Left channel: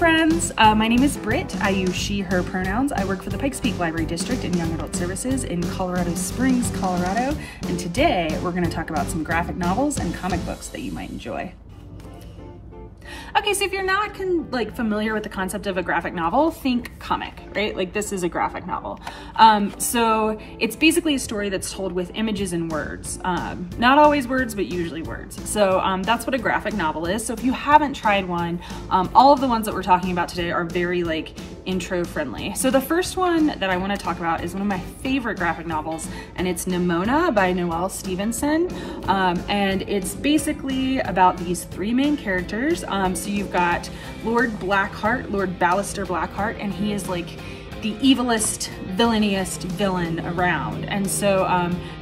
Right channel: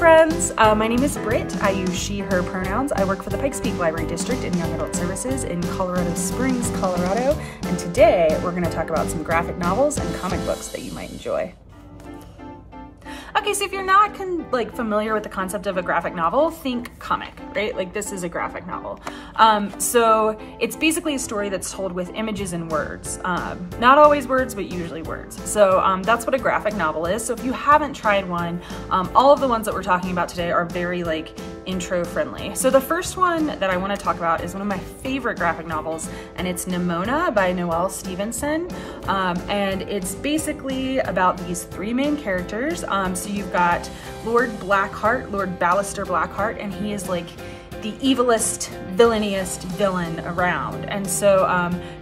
friends. My name is Britt. I use she, her pronouns. I work for the Pikes Peak Library District in Young Adult Services in Colorado Springs, Colorado. And today we're going to talk about some graphic novels and comic books that you might enjoy. Okay, so if you're not familiar with the concept of a graphic novel, think comic, right? Like this is a graphic novel. So it's basically a story that's told with images and words. Not always words, but usually words. So that's what a graphic novel is. So if you haven't tried one, all of the ones that we're talking about today are very intro friendly. So the first one that I want to talk about is one of my favorite graphic novels, and it's Nimona by Noelle Stevenson. And it's basically about these three main characters. So you've got Lord Blackheart, Lord Ballister Blackheart, and he is like the evilest, villainiest villain around. And so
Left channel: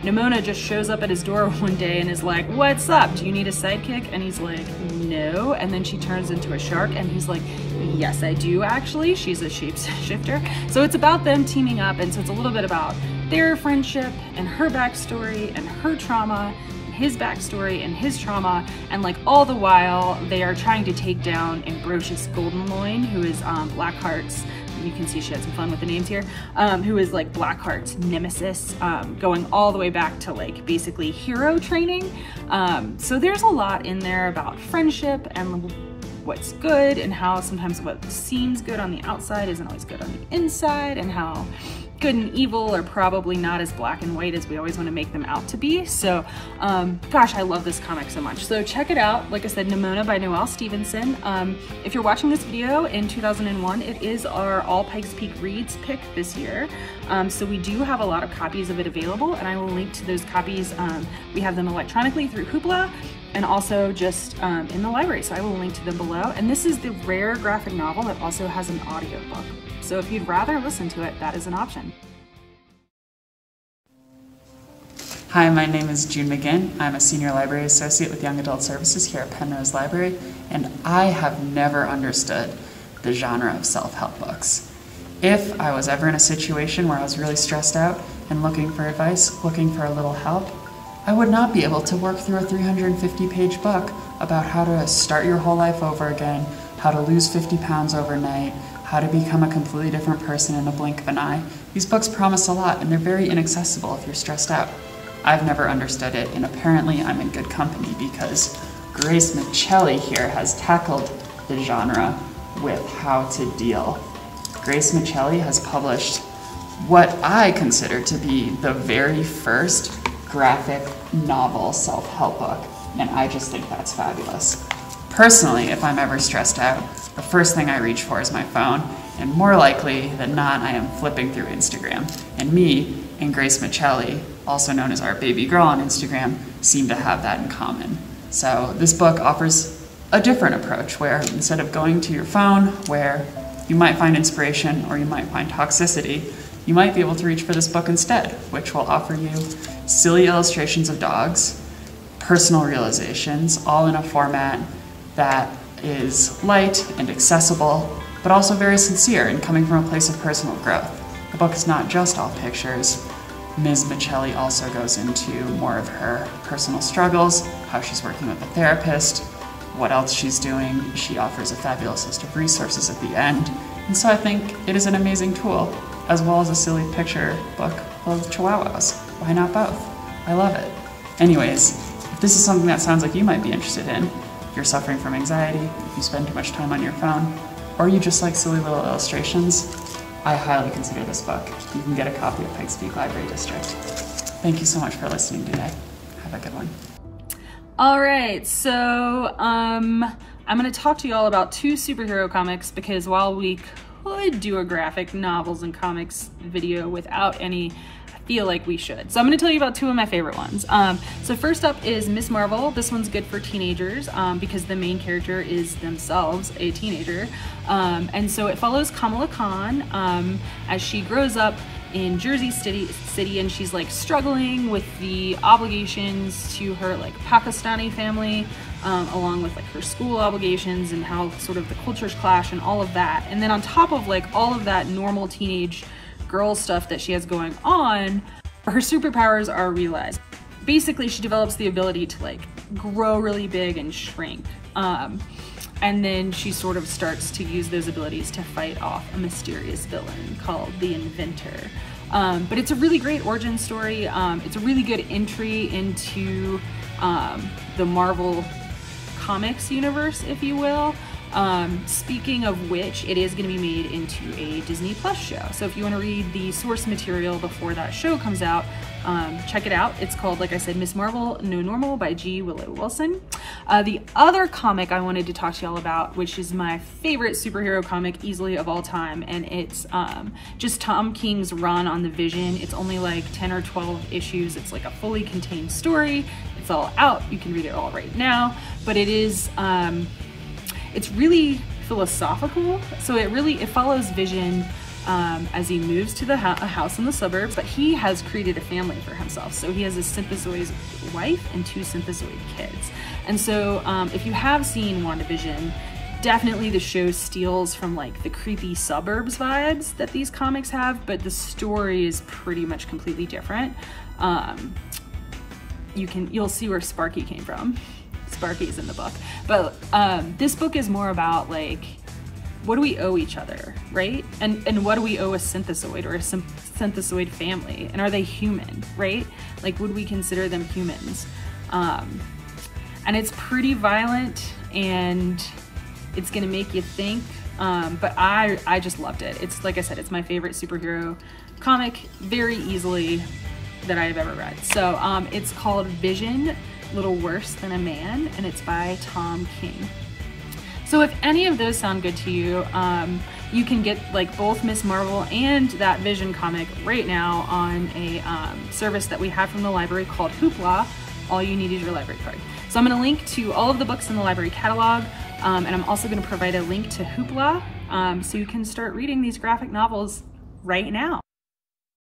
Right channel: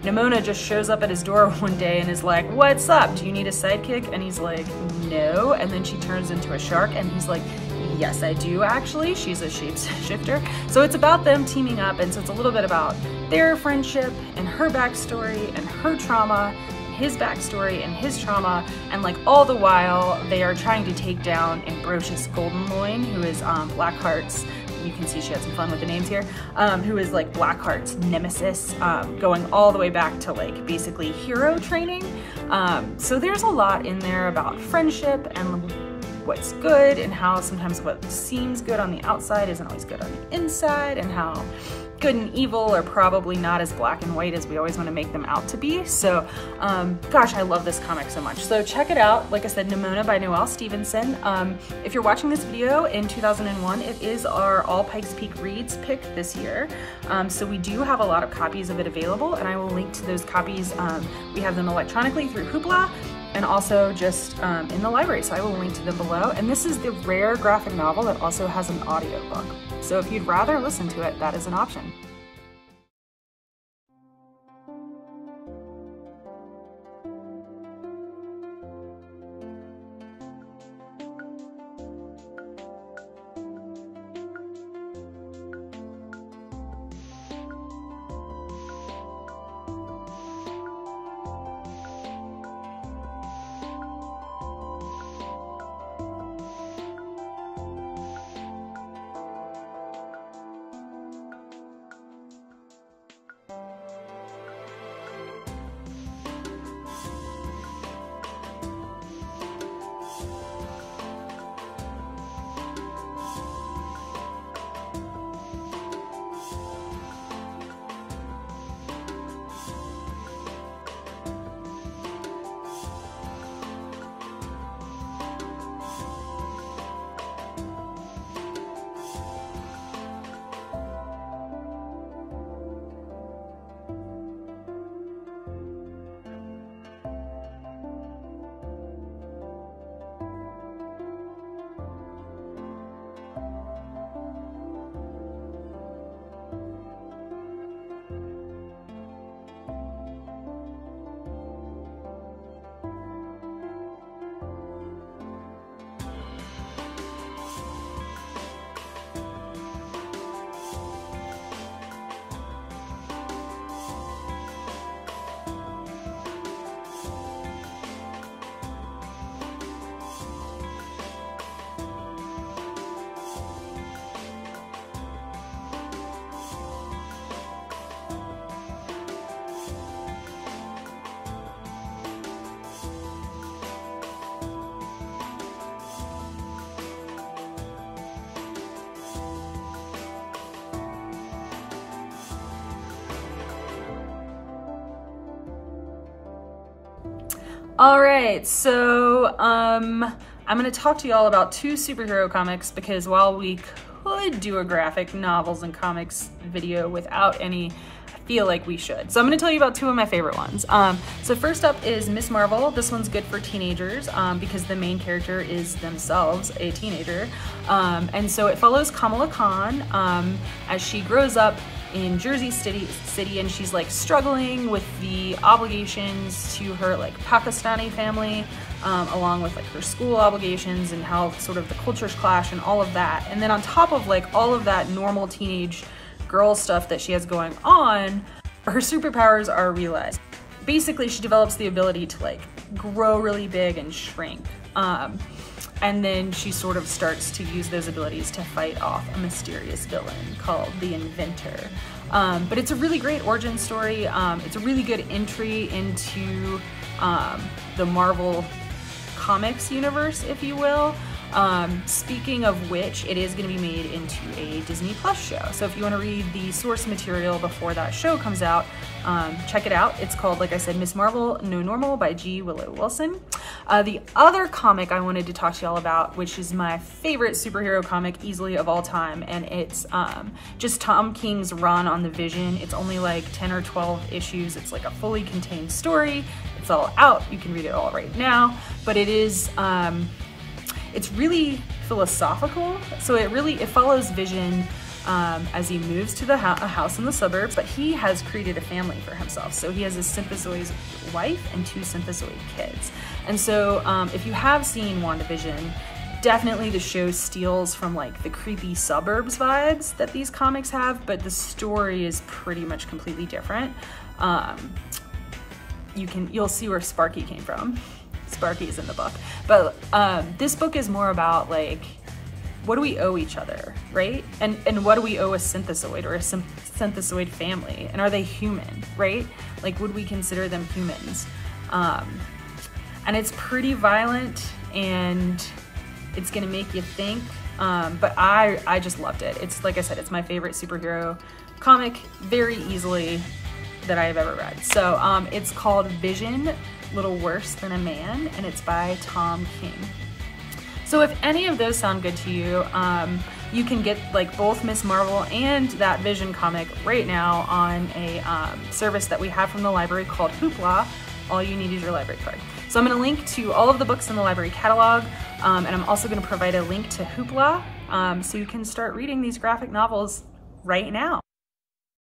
Nimona just shows up at his door one day and is like, "What's up? Do you need a sidekick?" And he's like, "No." And then she turns into a shark and he's like, "Yes, I do actually." She's a shapeshifter. So it's about them teaming up, and so it's a little bit about their friendship and her backstory and her trauma, his backstory and his trauma, and all the while they are trying to take down Ambrosius Goldenloin, who is Blackheart's, you can see she had some fun with the names here, who is Blackheart's nemesis, going all the way back to basically hero training. So there's a lot in there about friendship and what's good, and how sometimes what seems good on the outside isn't always good on the inside, and how good and evil are probably not as black and white as we always want to make them out to be. So gosh, I love this comic so much. So check it out. Like I said, Nimona by Noelle Stevenson. If you're watching this video in 2001, it is our All Pikes Peak Reads pick this year. So we do have a lot of copies of it available, and I will link to those copies. We have them electronically through Hoopla, and also just in the library. So I will link to them below. And this is the rare graphic novel that also has an audiobook. So if you'd rather listen to it, that is an option. Hi, my name is June McGinn. I'm a Senior Library Associate with Young Adult Services here at Penrose Library, and I have never understood the genre of self-help books. If I was ever in a situation where I was really stressed out and looking for advice, looking for a little help, I would not be able to work through a 350-page book about how to start your whole life over again, how to lose 50 pounds overnight, how to become a completely different person in a blink of an eye. These books promise a lot, and they're very inaccessible if you're stressed out. I've never understood it, and apparently I'm in good company because Grace Michelli here has tackled the genre with how to deal. Grace Michelli has published what I consider to be the very first graphic novel self-help book, and I just think that's fabulous. Personally, if I'm ever stressed out, the first thing I reach for is my phone, and more likely than not, I am flipping through Instagram. And me and Grace Michelli, also known as our baby girl on Instagram, seem to have that in common. So this book offers a different approach where instead of going to your phone where you might find inspiration or you might find toxicity, you might be able to reach for this book instead, which will offer you silly illustrations of dogs, personal realizations, all in a format that is light and accessible, but also very sincere and coming from a place of personal growth. The book is not just all pictures. Ms. Michelli also goes into more of her personal struggles, how she's working with a therapist, what else she's doing. She offers a fabulous list of resources at the end. And so I think it is an amazing tool, as well as a silly picture book full of chihuahuas. Why not both? I love it. Anyways, if this is something that sounds like you might be interested in, if you're suffering from anxiety, if you spend too much time on your phone, or you just like silly little illustrations, I highly consider this book. You can get a copy at Pikes Peak Library District. Thank you so much for listening today. Have a good one. All right, so I'm gonna talk to you all about two superhero comics, because while we could do a graphic novels and comics video without any, I feel like we should. So I'm gonna tell you about two of my favorite ones. So first up is Miss Marvel. This one's good for teenagers because the main character is themselves a teenager. And so it follows Kamala Khan as she grows up in Jersey City, and she's struggling with the obligations to her Pakistani family, along with her school obligations and how sort of the cultures clash and all of that. And then on top of all of that normal teenage girl stuff that she has going on, her superpowers are realized. Basically, she develops the ability to grow really big and shrink. And then she sort of starts to use those abilities to fight off a mysterious villain called the Inventor. But it's a really great origin story. It's a really good entry into the Marvel Comics universe, if you will. Speaking of which, it is going to be made into a Disney Plus show. So if you want to read the source material before that show comes out, check it out. It's called, like I said, Miss Marvel No Normal by G. Willow Wilson. The other comic I wanted to talk to y'all about, which is my favorite superhero comic easily of all time, and it's just Tom King's run on the Vision. It's only like 10 or 12 issues. It's like a fully contained story. It's all out. You can read it all right now, but it is it's really philosophical. So it follows Vision as he moves to a house in the suburbs, but he has created a family for himself. So he has a synthezoid wife and 2 synthezoid kids. And so if you have seen WandaVision, definitely the show steals from like the creepy suburbs vibes that these comics have, but the story is pretty much completely different. You'll see where Sparky came from. Sparky's in the book, but this book is more about like, what do we owe each other, right? And what do we owe a synthezoid or a synthezoid family? And are they human, right? Like, would we consider them humans? And it's pretty violent and it's gonna make you think, but I just loved it. It's, like I said, it's my favorite superhero comic very easily that I have ever read. So it's called Vision, Little Worse Than a Man, and it's by Tom King. So if any of those sound good to you, you can get like both Miss Marvel and that Vision comic right now on a service that we have from the library called Hoopla. All you need is your library card. So I'm gonna link to all of the books in the library catalog, and I'm also gonna provide a link to Hoopla so you can start reading these graphic novels right now.